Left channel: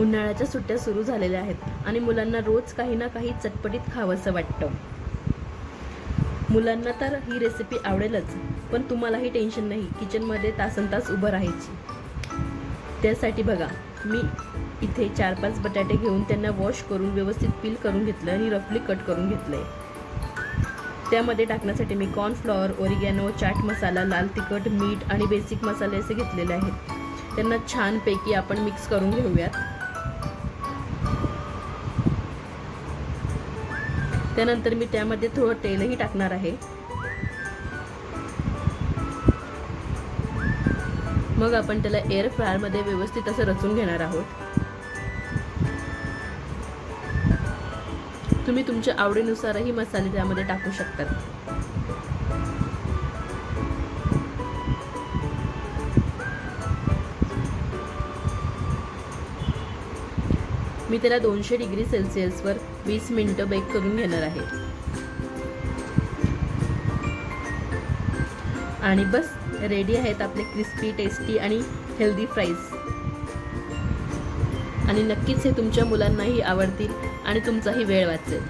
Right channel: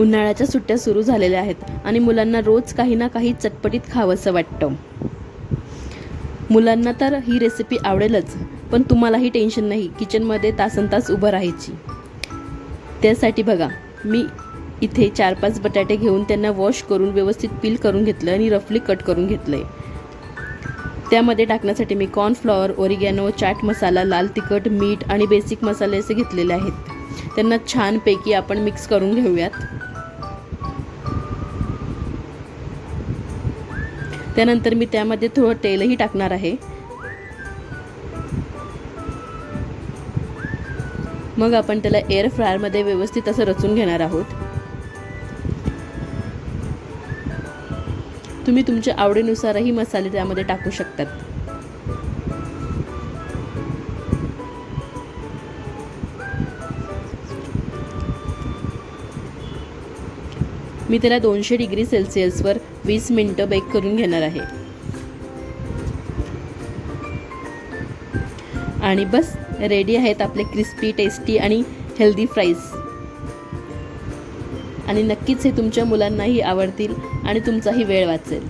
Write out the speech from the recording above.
उन्हाळ्याच्या सुट्ट्या सुरू झालेल्या आहेत आणि मुलांना रोज काही ना काही चटपटीत खावंसं वाटतं. मुलांना तर ही रेसिपी आवडेलच, पण तुम्हालाही टेन्शन नाही किचनमध्ये तासनतास उभं राहायची. त्यासाठी बघा, मी इथे 4-5 बटाटे घेऊन त्यांना वॉश करून व्यवस्थित पील करून घेतलं आणि रफली कट करून घेतलं आहे. त्यामध्ये टाकण्यासाठी मी कॉर्नफ्लॉवर, ओरिगॅनो, चाट मसाला, लाल तिखट, मीठ आणि बेसिक मसाले असे घेतलेले आहेत. त्यांना छानपैकी आपण मिक्स करून घेऊयात. त्यानंतर मी त्यामध्ये थोडं तेलही टाकणार आहे. मग आपण त्याला एअर फ्रायरमध्ये व्यवस्थित असं रचून घेणार आहोत. तुम्ही तुमच्या आवडीनुसारही मसाले त्यामध्ये टाकू शकतात. मी त्याला 200 डिग्री सेल्सिअसवर 20 मिनिटं बेक करून घेणार आहे. आणि बस रेडी आहेत आपले क्रिस्पी, टेस्टी आणि हेल्दी फ्राईज. आणि नक्कीच हे तुमच्या मुलांनाही आवडतील आणि तुमचाही वेळ वाचेल.